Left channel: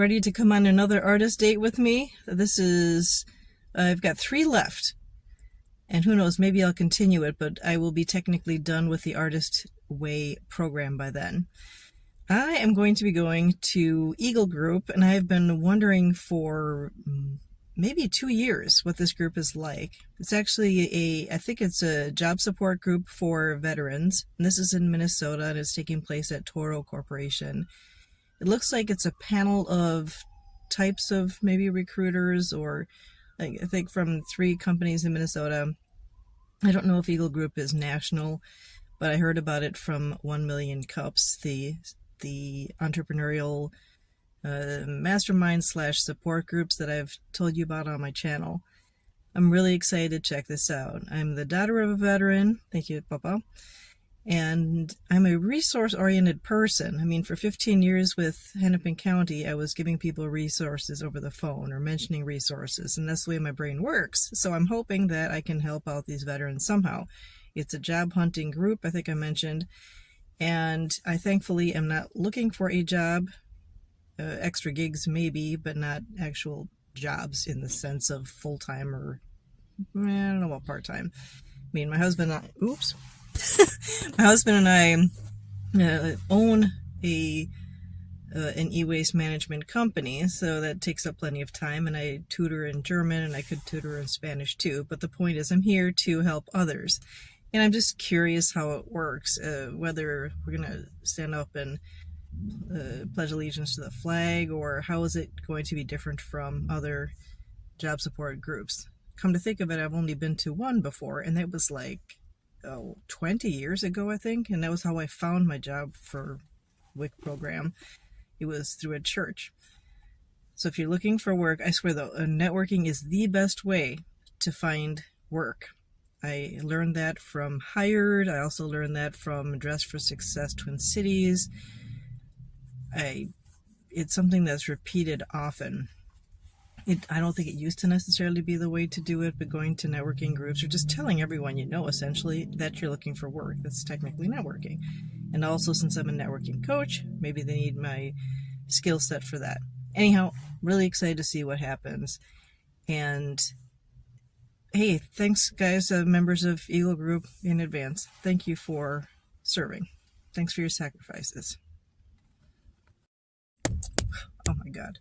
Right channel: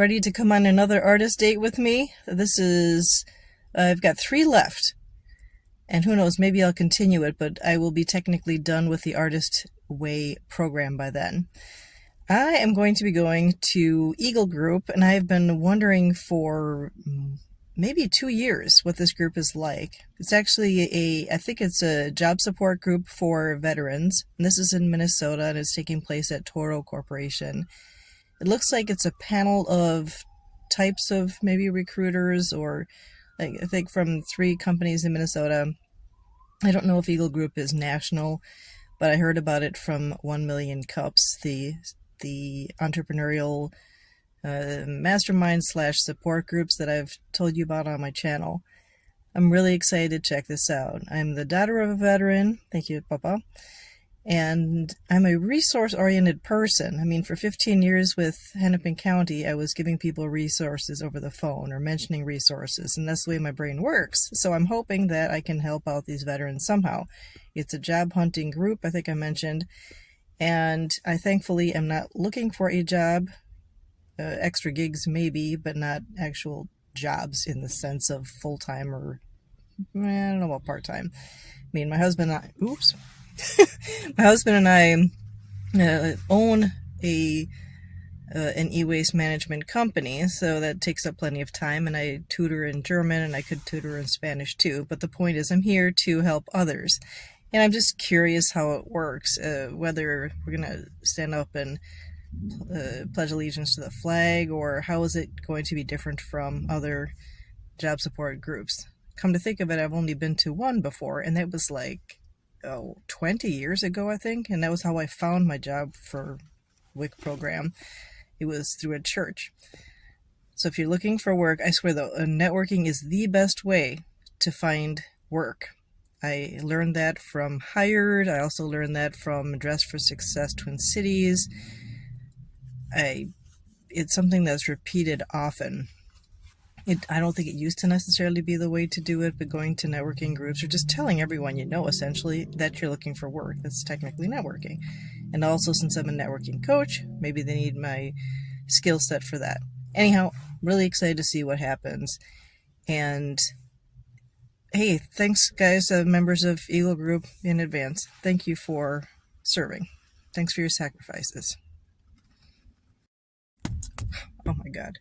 ready to come on another artist date with me? I've got 3 left. And who knows, maybe I'll continue it, but I will be technically done with the Artist Way program by then. I am going to be going to Eagle Group, and I have been wondering for maybe 2 years what this group is like. It's actually I think it's a job support group for veterans. And this is in Minnesota, and it's taking place at Toro Corporation. It looks like it's a panel of types of maybe recruiters, or I think from 3 companies in Minnesota. I don't know if Eagle Group is national, but I heard about it from 1 Million Cups, the entrepreneurial mastermind / support groups that I've told you about on my channel. I'm really excited to check this out. I'm the daughter of a veteran. Thank you, Papa. And I'm a resource-oriented person. I mean, for 15 years with Hennepin County, I was giving people resources over the phone or mentioning resources, and that's the way my brain works. So I'm hoping that I can help out these veterans somehow. It's a job hunting group, I think I mentioned, and I thankfully am not looking for a job. Extra gigs maybe, but not actual jobs in the sense of full-time or, I don't know about part-time. I mean, my husband and I own an e-waste management company, so that takes up plenty of time, and I tutor in German, and I could tutor in Spanish too. But the point is, I'm here to help others, and I'm just curious how it works, whether we're going to stand up and pledge allegiance to the flag, or how is it going to be different from other job support groups. Come to think of it, I've only been to one before, and that was like 20 years ago, I think, and that was how I found my job for WIC program. It was through a church. So if you're looking for work, I swear though, networking is the best way to find work. I learned that from Hired. I also learned that from Dress for Success Twin Cities. It's something that's repeated often. I don't think it used to necessarily be the way to do it, but going to networking groups or just telling everyone you know essentially that you're looking for work, that's technically networking. And also, since I'm a networking coach, maybe they need my skill set for that. Anyhow, really excited to see what happens. And hey, thanks guys, members of Eagle Group, in advance. Thank you for serving. Thanks for your sacrifices. Oh my god.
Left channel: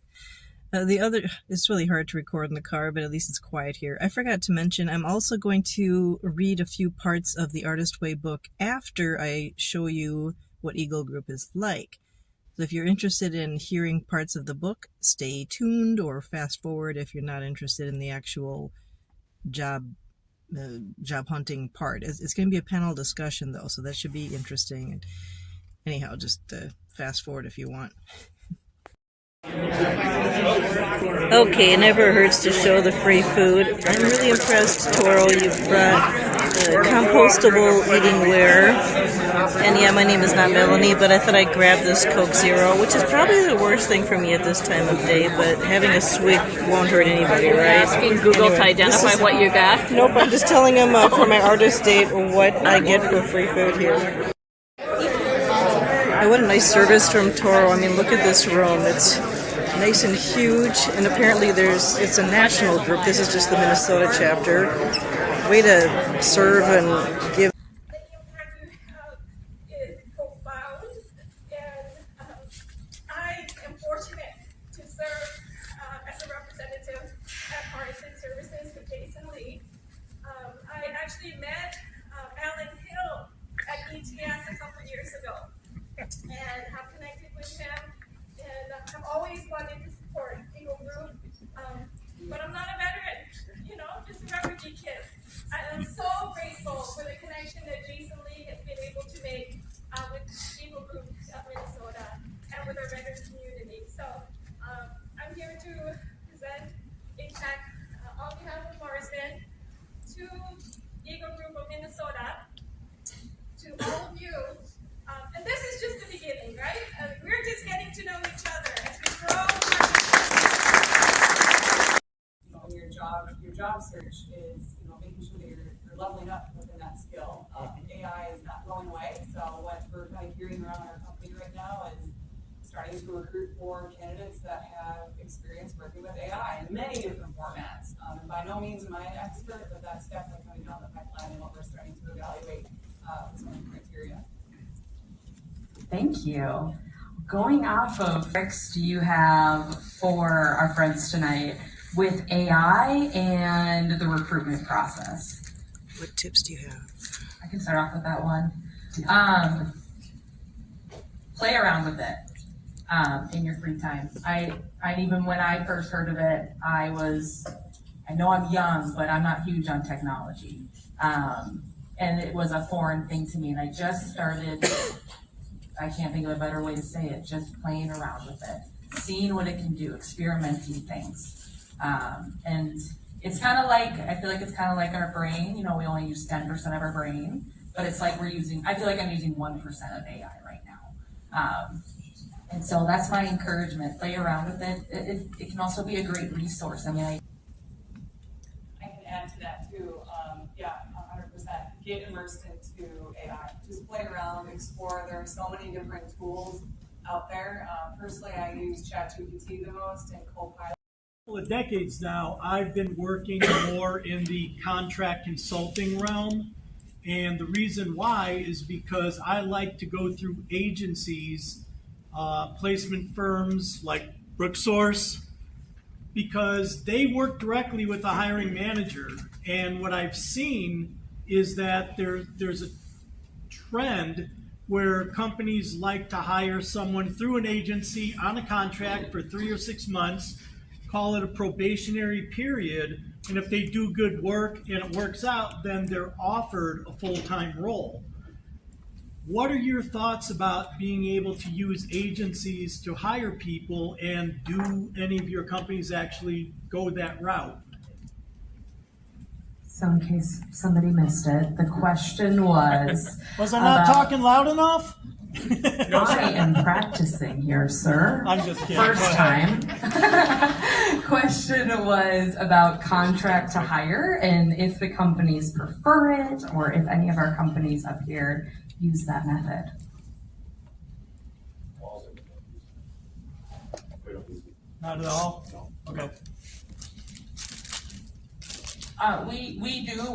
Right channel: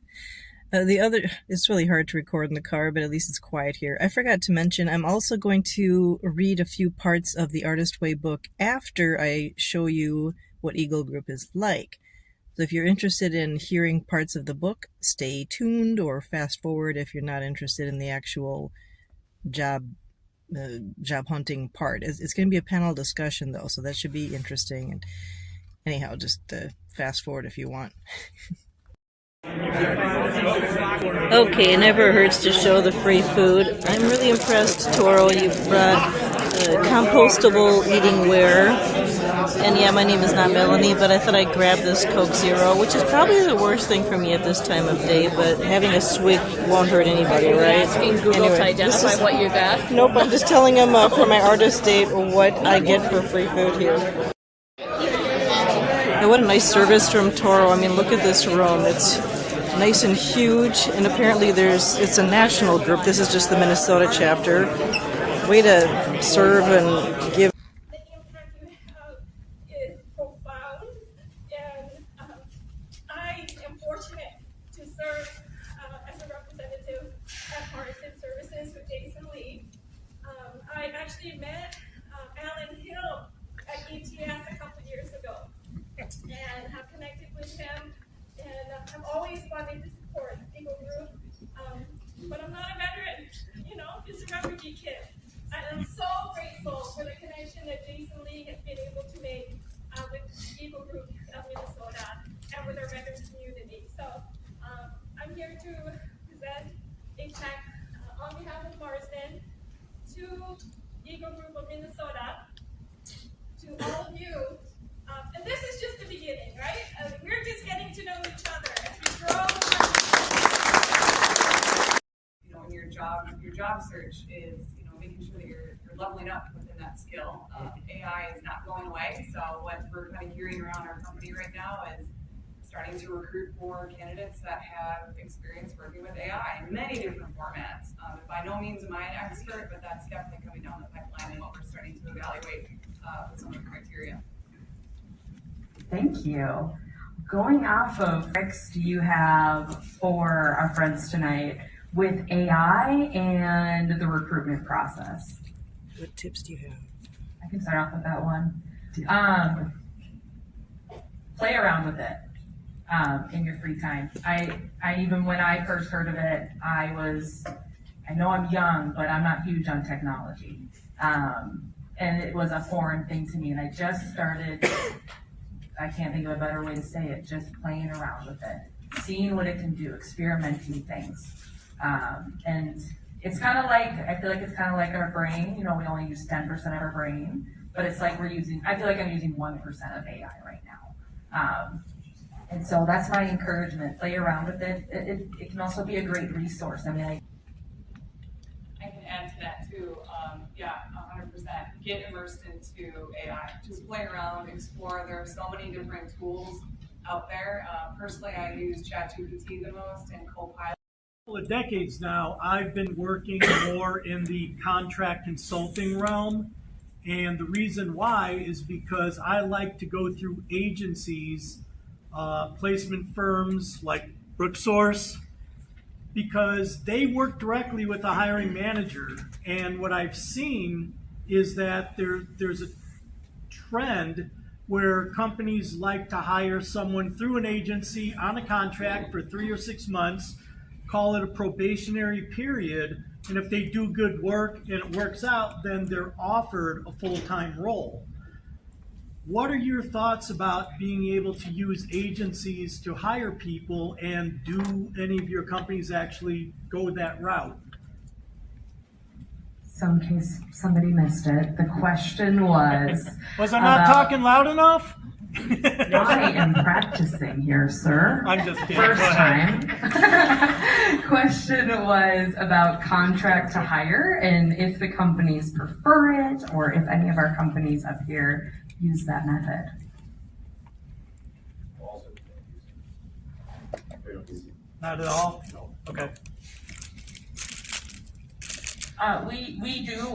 It's really hard to record in the car, but at least it's quiet here. I forgot to mention, I'm also going to read a few parts of the Artist Way book after I show you what Eagle Group is like. So if you're interested in hearing parts of the book, stay tuned or fast forward if you're not interested in the actual job hunting part. It's going to be a panel discussion though, so that should be interesting. And anyhow, just fast forward if you want. Okay, it never hurts to show the free food. I'm really impressed, Toro. You've brought compostable eatingware. And yeah, my name is not Melanie, but I thought I'd grab this Coke Zero, which is probably the worst thing for me at this time of day, but having a swig won't hurt anybody, right? Asking Google to identify what you got? Nope, I'm just telling them for my artist date what I get for free food here. And what a nice service from Toro. I mean, look at this room. It's nice and huge, and apparently it's a national group. This is just the Minnesota chapter. Way to serve and give. I am fortunate to serve as a representative at Partisan Services with Jason Lee. I actually met Alan Hill at ETS a couple years ago and have connected with him. And I've always wanted to support Eagle Group, but I'm not a veteran, just a refugee kid. I'm so grateful for the connection that Jason Lee has been able to make with Eagle Group of Minnesota and with our veteran community. So I'm here to present APAC on behalf of Marsden to Eagle Group of Minnesota, to all of you. And this is just the beginning, right? We're just getting to know each other as we grow. Your job search is, making sure that you're leveling up within that skill. AI is not going away, so what we're kind of hearing around our company right now is starting to recruit for candidates that have experience working with AI in many different formats. And by no means am I an expert, but that's definitely coming down the pipeline and what we're starting to evaluate with some of the criteria. Thank you. Going off of tricks do you have for our friends tonight with AI and the recruitment process? What tips do you have? I can start off with that one. Play around with it in your free time. I even when I first heard of it, I know I'm young, but I'm not huge on technology. And it was a foreign thing to me, and I just started, I can't think of a better way to say it, just playing around with it, seeing what it can do, experimenting things. And it's kind of like, I feel like it's kind of like our brain, you know, we only use 10% of our brain, but it's like I feel like I'm using 1% of AI right now. And so that's my encouragement, play around with it. It can also be a great resource. I mean, I can add to that too. 100%. Get immersed into AI. Just play around, explore. There are so many different tools out there. Personally, I use ChatGPT the most and Copilot. Couple of decades now, I've been working more in the contract consulting realm. And the reason why is because I like to go through agencies, placement firms like Brooksource, because they work directly with the hiring manager. And what I've seen is that there's a trend where companies like to hire someone through an agency on a contract for 3 or 6 months, call it a probationary period, and if they do good work and it works out, then they're offered a full-time role. What are your thoughts about being able to use agencies to hire people, and do any of your companies actually go that route? so in case somebody missed it, the question was. Was I not talking loud enough? I am practicing here, sir. I'm just kidding. First Go ahead. time. Question was about contract to hire and if the companies prefer it or if any of our companies up here use that method. Not at all? No. Okay.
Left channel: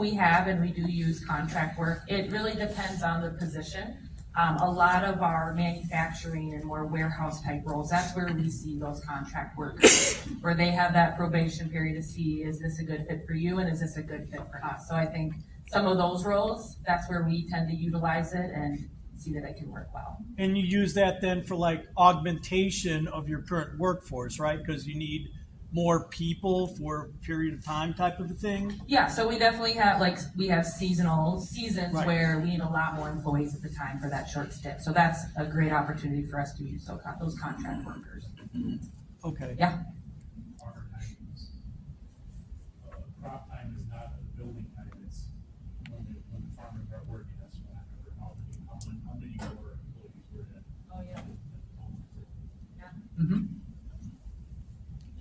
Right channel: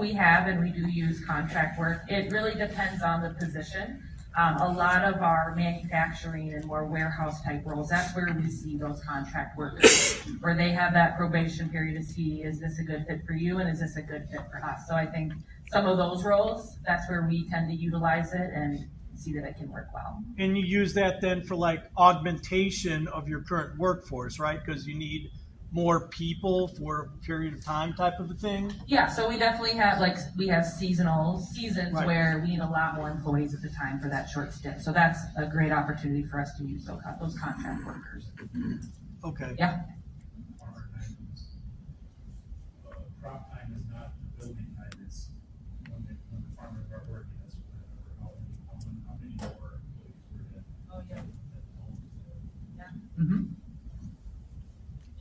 We have, and we do use contract work. It really depends on the position. A lot of our manufacturing and more warehouse type roles, that's where we see those contract workers, where they have that probation period to see, is this a good fit for you and is this a good fit for us? So I think some of those roles, that's where we tend to utilize it and see that it can work well. And you use that then for like augmentation of your current workforce, right? Because you need more people for a period of time type of a thing? Yeah, so we definitely have, we have seasons Right. where we need a lot more employees at the time for that short stint. So that's a great opportunity for us to use those contract workers. Okay. Yeah. Farmer time is, crop time is not the building time, it's when the farmers are working, that's what I remember, how many more employees were in. Oh, yeah. Mm-hmm.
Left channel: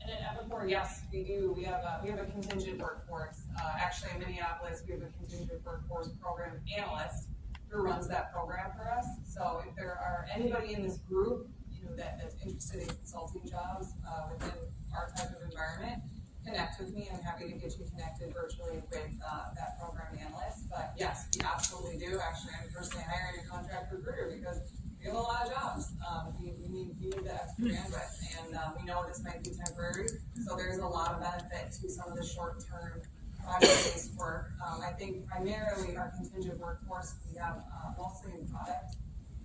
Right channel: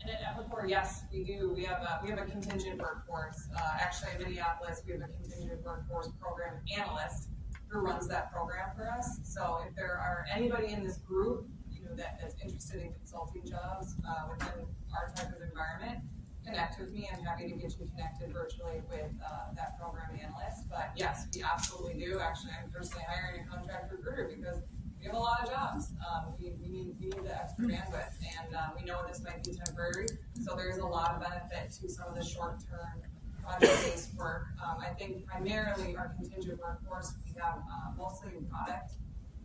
And at Epicor, yes, we do. We have a contingent workforce. Actually, in Minneapolis, we have a contingent workforce program analyst who runs that program for us. So if there are anybody in this group, that's interested in consulting jobs within our type of environment, connect with me. I'm happy to get you connected virtually with that program analyst. But yes, we absolutely do. Actually, I'm personally hiring a contract recruiter because we have a lot of jobs. We need the extra bandwidth, and we know this might be temporary, so there's a lot of benefit to some of the short-term project-based work. I think primarily our contingent workforce, we have mostly in product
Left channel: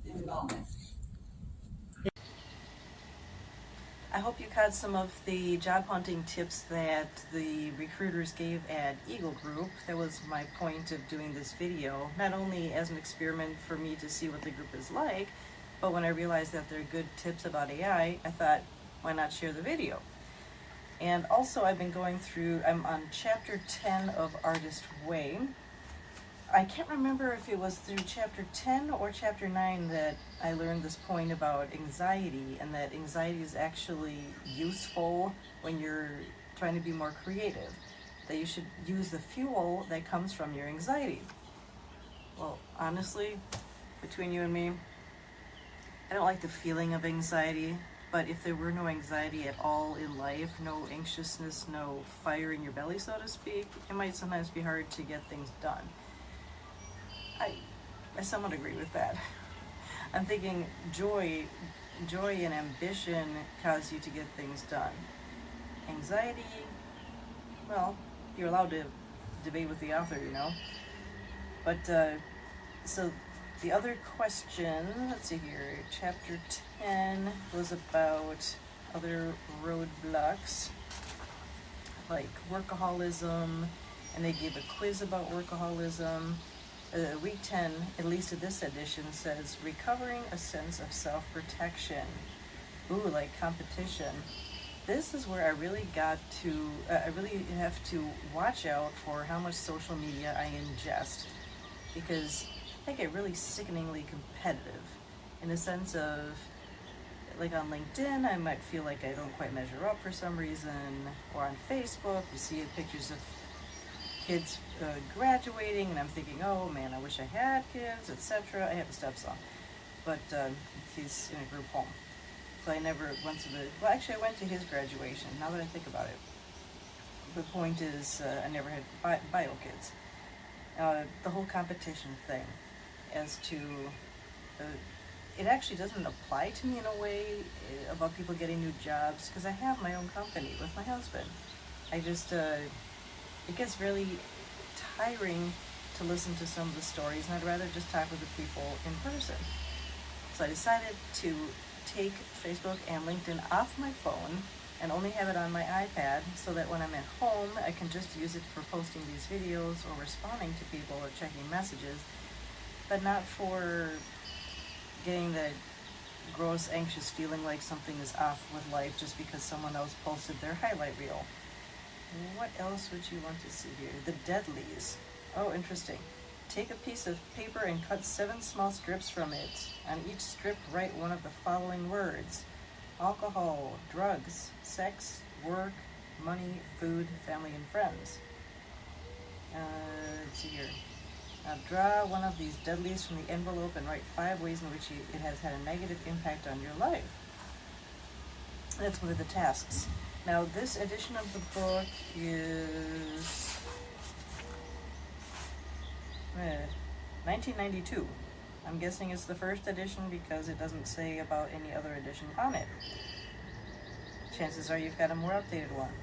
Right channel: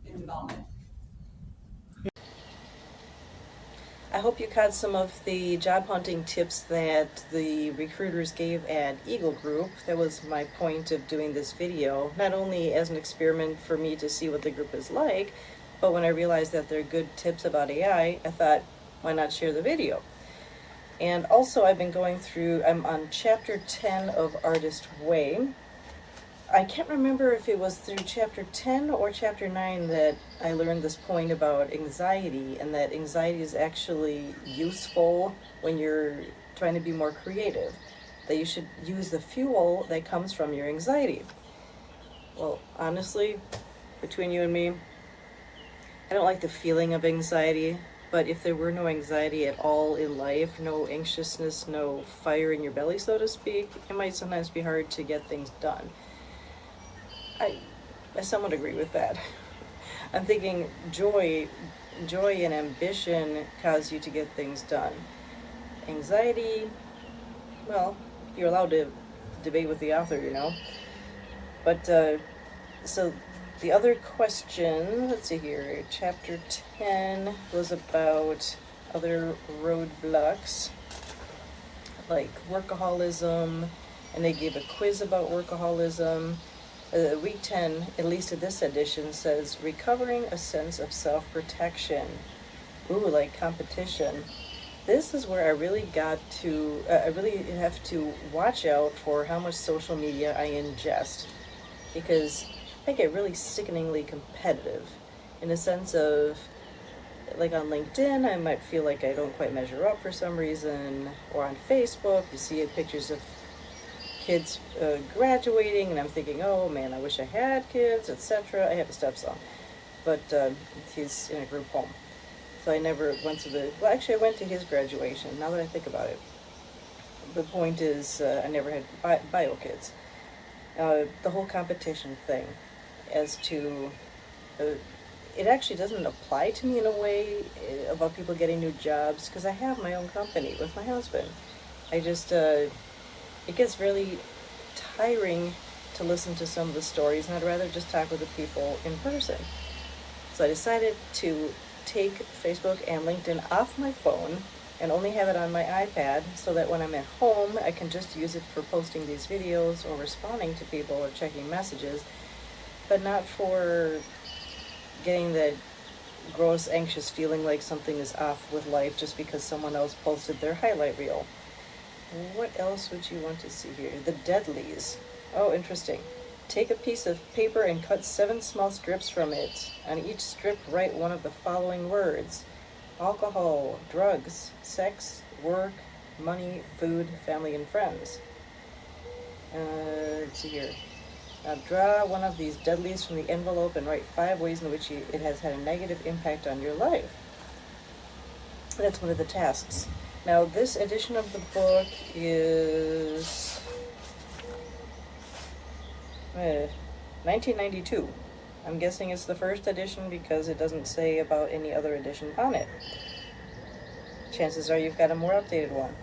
and development. I hope you caught some of the job hunting tips that the recruiters gave at Eagle Group. That was my point of doing this video, not only as an experiment for me to see what the group is like, but when I realized that they're good tips about AI, I thought, why not share the video? And also I've been going through, I'm on chapter 10 of Artist Way. I can't remember if it was through chapter 10 or chapter 9 that I learned this point about anxiety, and that anxiety is actually useful when you're trying to be more creative, that you should use the fuel that comes from your anxiety. Well, honestly, between you and me, I don't like the feeling of anxiety. But if there were no anxiety at all in life, no anxiousness, no fire in your belly, so to speak, it might sometimes be hard to get things done. I somewhat agree with that. I'm thinking joy and ambition cause you to get things done. Anxiety, well, you're allowed to debate with the author, you know. But, so the other question, let's see here, chapter 10 was about other roadblocks, like workaholism, and they gave a quiz about workaholism. Week 10, at least in this edition, says recovering a sense of self-protection. Ooh, like competition. This is where I really got to, I really have to watch out for how much social media I ingest, because I get really sickeningly competitive in the sense of, like on LinkedIn, I might feel like I don't quite measure up for some reason, or on Facebook, you see pictures of kids graduating, and I'm thinking, oh man, I wish I had kids, etc. I have a stepson, but he's in a group home. So I never went to well, actually I went to his graduation, now that I think about it. The point is, I never had bio kids. The whole competition thing, as to, it actually doesn't apply to me in a way about people getting new jobs, because I have my own company with my husband. I just, it gets really tiring to listen to some of the stories, and I'd rather just talk with the people in person. So I decided to take Facebook and LinkedIn off my phone and only have it on my iPad, so that when I'm at home, I can just use it for posting these videos or responding to people or checking messages, but not for getting that gross, anxious feeling like something is off with life just because someone else posted their highlight reel. What else would you want to see here? The deadlies. Oh, interesting. Take a piece of paper and cut 7 small strips from it. On each strip, write one of the following words: alcohol, drugs, sex, work, money, food, family, and friends. Let's see here. Draw one of these deadlies from the envelope and write 5 ways in which it has had a negative impact on your life. That's one of the tasks. Now, this edition of the book is 1992. I'm guessing it's the first edition because it doesn't say about any other edition on it. Chances are you've got a more updated one.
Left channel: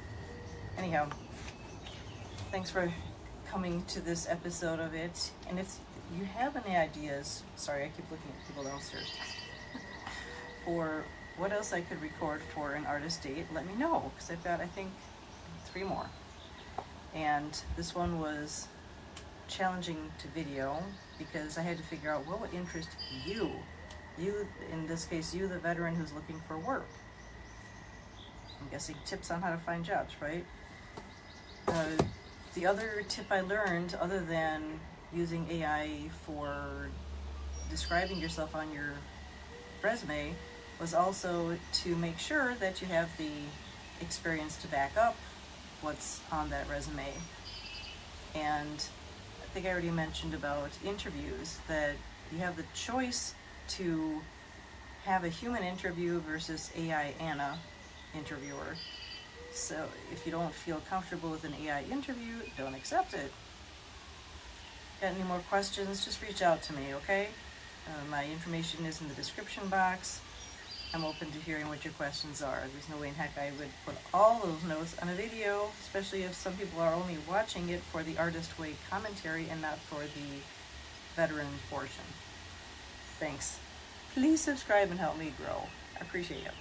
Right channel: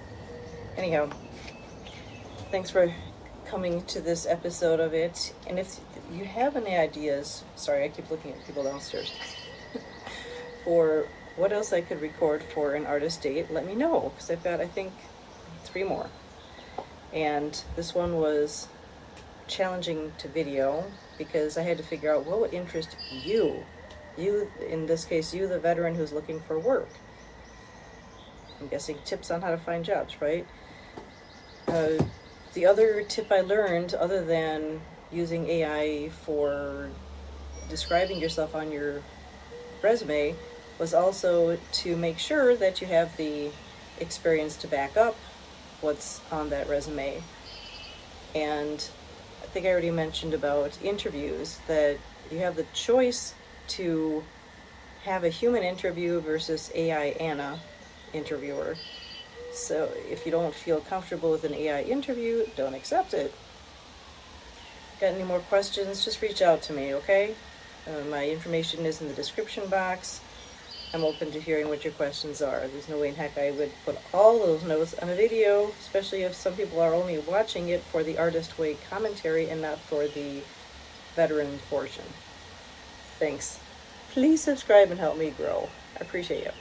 Anyhow, thanks for coming to this episode of it. And if you have any ideas, sorry, I keep looking at people downstairs, for what else I could record for an artist date, let me know, because I've got, I think, 3 more. And this one was challenging to video because I had to figure out what would interest you. You, in this case, you, the veteran who's looking for work. I'm guessing tips on how to find jobs, right? The other tip I learned, other than using AI for describing yourself on your resume, was also to make sure that you have the experience to back up what's on that resume. And I think I already mentioned about interviews, that you have the choice to have a human interview versus AI Anna interviewer. So if you don't feel comfortable with an AI interview, don't accept it. Got any more questions? Just reach out to me, okay? My information is in the description box. I'm open to hearing what your questions are. There's no way in heck I would put all those notes on a video, especially if some people are only watching it for the Artist Way commentary and not for the veteran portion. Thanks. Please subscribe and help me grow. I appreciate you.